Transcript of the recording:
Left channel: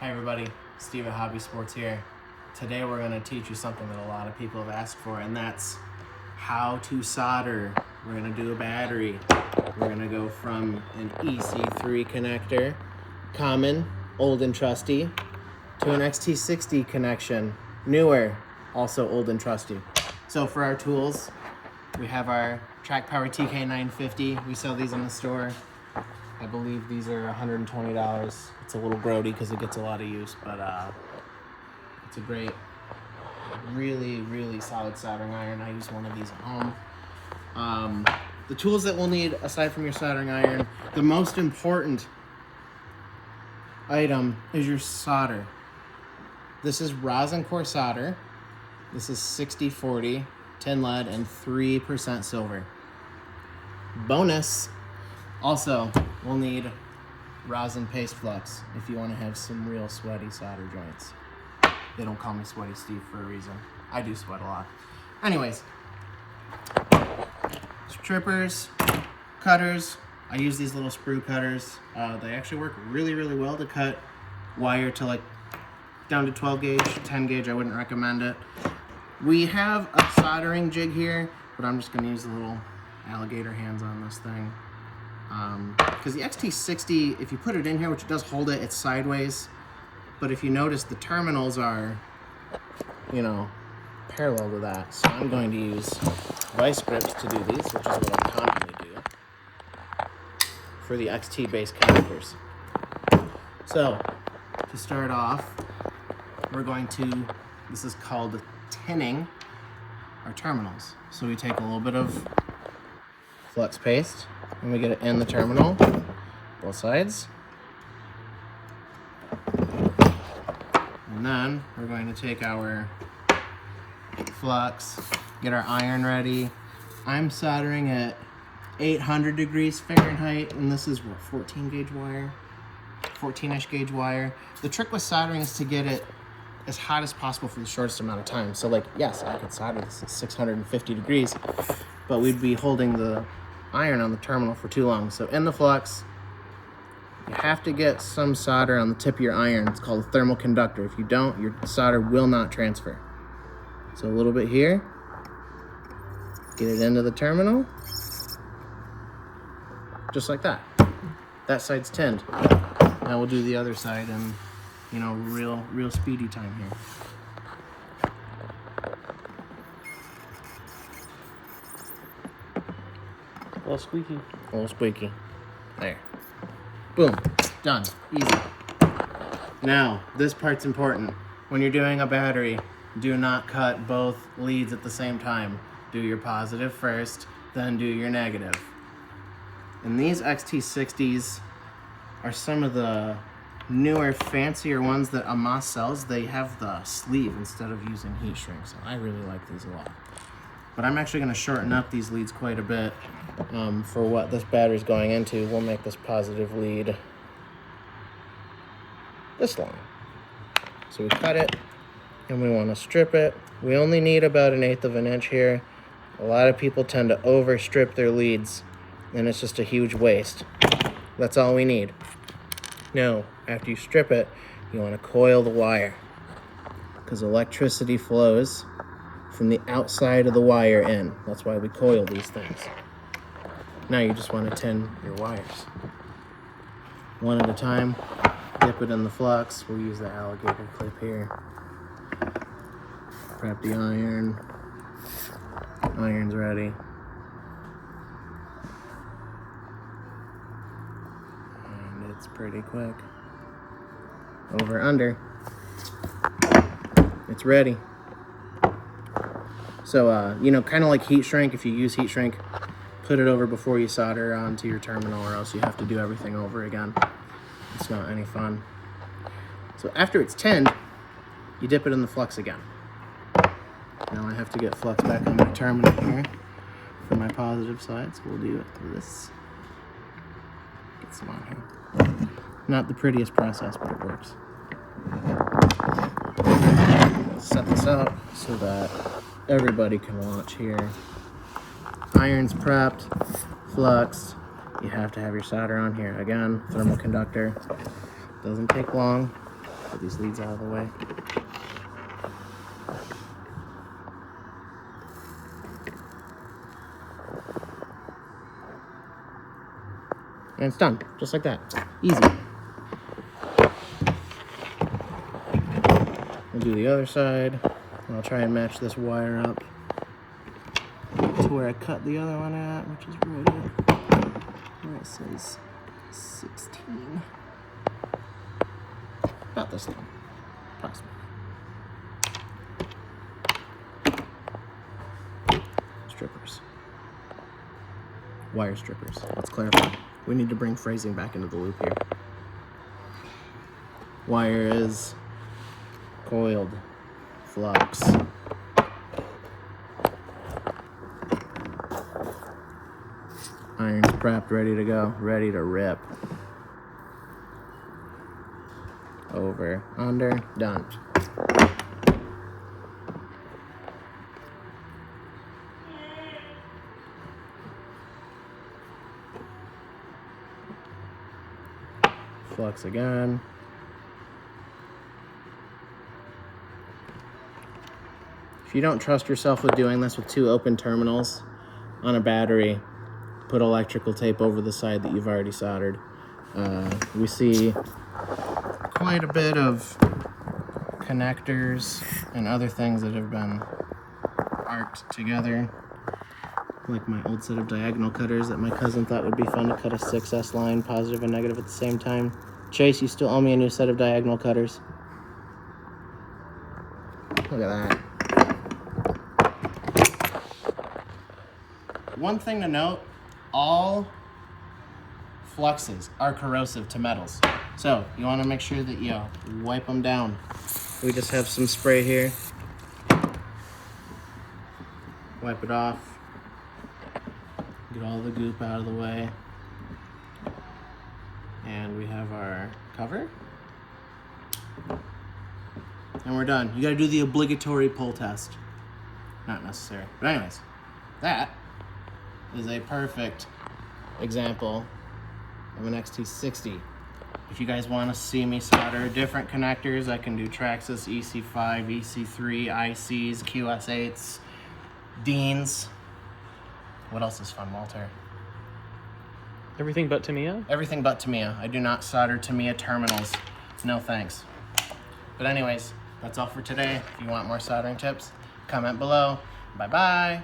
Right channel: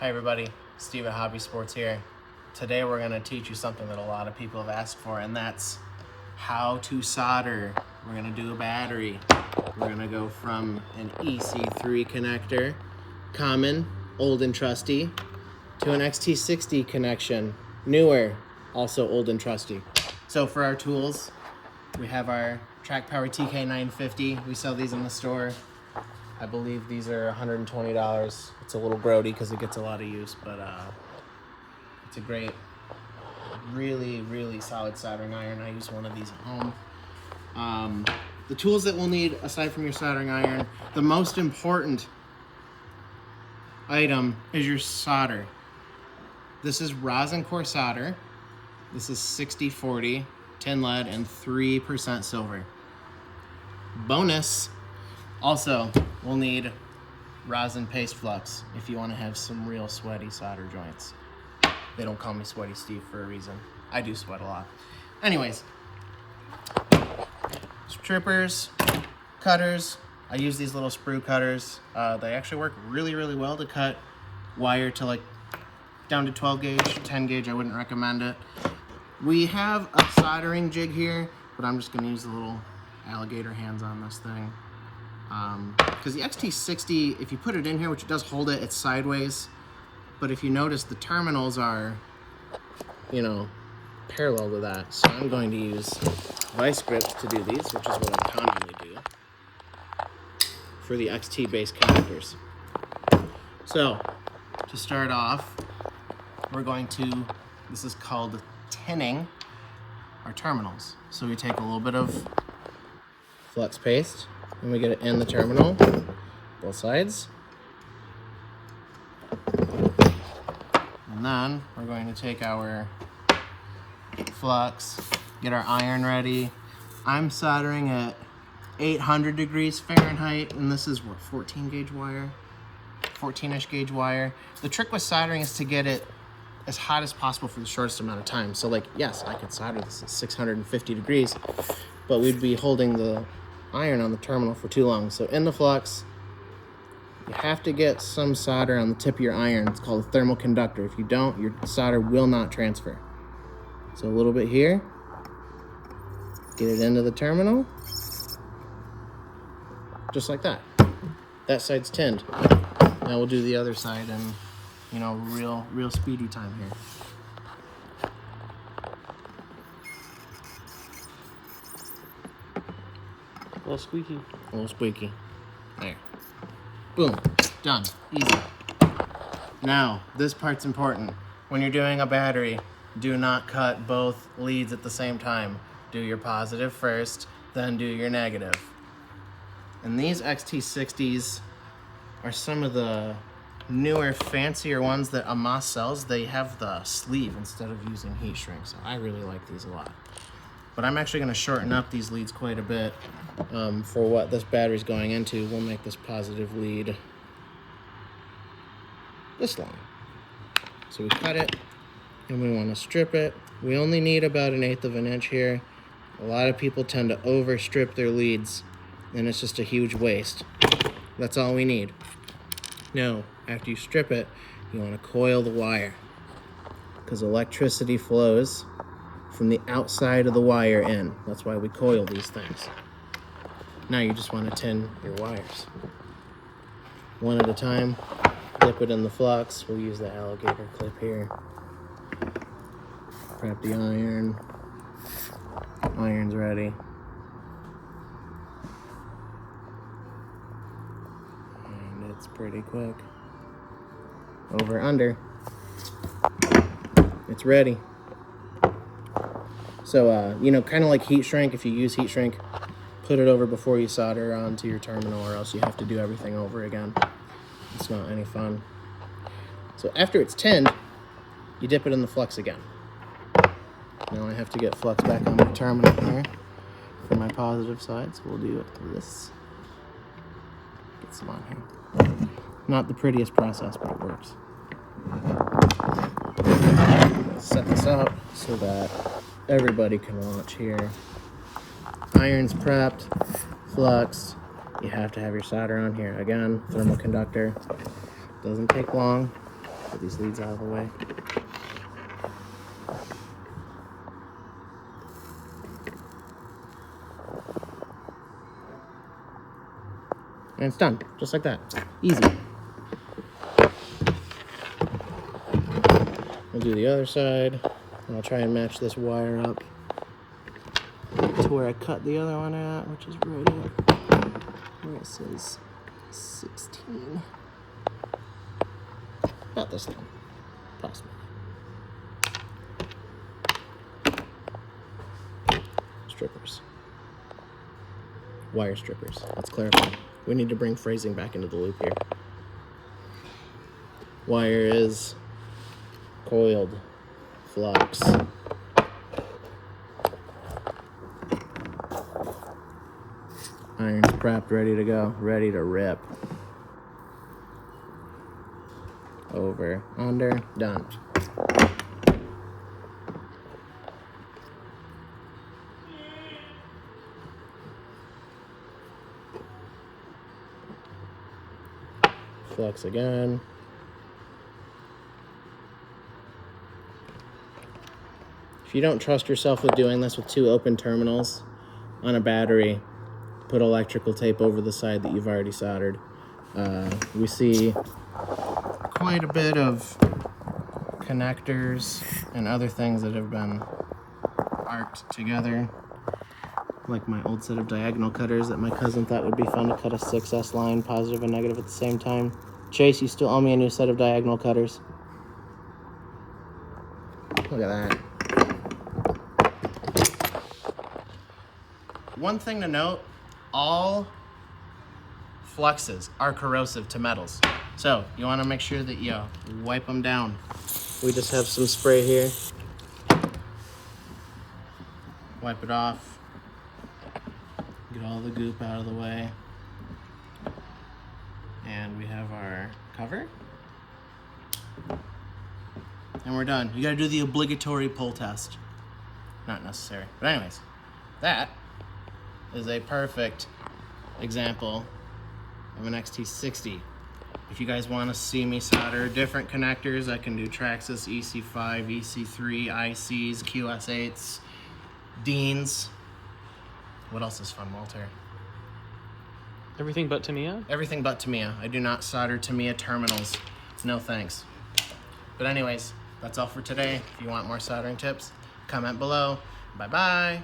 Hi everybody, Steve at Hobby Sports here. Today we're going to teach you something that a lot of people have asked for, and that's how to solder. We're going to do a battery. We're going to go from an EC3 connector, common, old and trusty, to an XT60 connection, newer, also old and trusty. So for our tools, we have our Track Power TK950. We sell these in the store. I believe these are $120. It's a little grody because it gets a lot of use, but it's a great, really solid soldering iron. I use one of these at home. The tools that we'll need, aside from your soldering iron, the most important item is your solder. This is rosin core solder. This is 60/40 tin lead and 3% silver. Bonus, also, we'll need rosin paste flux if you want to have some real sweaty solder joints. They don't call me Sweaty Steve for a reason. I do sweat a lot. Anyways, strippers, cutters. I use these little sprue cutters. They actually work really well to cut wire to like down to 12 gauge, 10 gauge. I wouldn't recommend it. We have a soldering jig here, but I'm just going to use the little alligator hands on this thing. Because the XT60, if you put it in here, which it does hold it, it's sideways. But if you notice, the terminals are, parallel to that. So I'm going to use vice grips to do these, which is what I commonly do for the XT-based connectors. So, to start off, we're going to, this is called tinning our terminals. So we take a little bit of flux paste, and we get it in the terminal, both sides. And then we're going to take our flux, get our iron ready. I'm soldering at 800 degrees Fahrenheit, and this is what, 14 gauge wire? 14-ish gauge wire. The trick with soldering is to get it as hot as possible for the shortest amount of time. So like, yes, I could solder this at 650 degrees, but we'd be holding the iron on the terminal for too long. So in the flux, you have to get some solder on the tip of your iron. It's called a thermal conductor. If you don't, your solder will not transfer. So a little bit here, get it into the terminal, just like that. That side's tinned. Now we'll do the other side and, real speedy time here. A little squeaky. A little squeaky. There. Boom. Done. Easy. Now, this part's important. When you're doing a battery, do not cut both leads at the same time. Do your positive first, then do your negative. And these XT60s are some of the newer, fancier ones that Amos sells. They have the sleeve instead of using heat shrink, so I really like these a lot. But I'm actually going to shorten up these leads quite a bit for what this battery's going into. We'll make this positive lead this long. So we cut it, and we want to strip it. We only need about 1/8 of an inch here. A lot of people tend to overstrip their leads, and it's just a huge waste. That's all we need. Now, after you strip it, you want to coil the wire, because electricity flows from the outside of the wire in. That's why we coil these things. Now you just want to tin your wires. One at a time, dip it in the flux. We'll use the alligator clip here. Prep the iron. Iron's ready. And it's pretty quick. Over, under. It's ready. So, kind of like heat shrink, if you use heat shrink, put it over before you solder onto your terminal, or else you have to do everything over again. It's not any fun. So after it's tinned, you dip it in the flux again. Now I have to get flux back on my terminal here for my positive side, so we'll do this. Get some on here. Not the prettiest process, but it works. Let's set this up so that everybody can watch here. Iron's prepped, flux. You have to have your solder on here. Again, thermal conductor. Doesn't take long. Get these leads out of the way. And it's done, just like that. Easy. We'll do the other side. I'll try and match this wire up to where I cut the other one at, which is right here. That says 16. About this long, approximately. Strippers. Wire strippers. Let's clarify. We need to bring phrasing back into the loop here. Wire is coiled flux. Iron's prepped, ready to go, ready to rip. Over, under, done. Flux again. If you don't trust yourself with doing this with 2 open terminals on a battery, put electrical tape over the side that you've already soldered. We see quite a bit of connectors and other things that have been arced together, like my old set of diagonal cutters that my cousin thought would be fun to cut a 6S line, positive and negative at the same time. Chase, you still owe me a new set of diagonal cutters. Look at that. One thing to note, all fluxes are corrosive to metals. So you want to make sure that you wipe them down. We just have some spray here. Wipe it off. Get all the goop out of the way. And we have our cover. And we're done. You gotta do the obligatory pull test. Not necessary. But anyways, that is a perfect example of an XT60. If you guys want to see me solder different connectors, I can do Traxxas, EC5, EC3, ICs, QS8s, Deans. What else is fun, Walter? Everything but Tamiya? Everything but Tamiya. I do not solder Tamiya terminals. No thanks. But anyways, that's all for today. If you want more soldering tips, comment below. Bye-bye.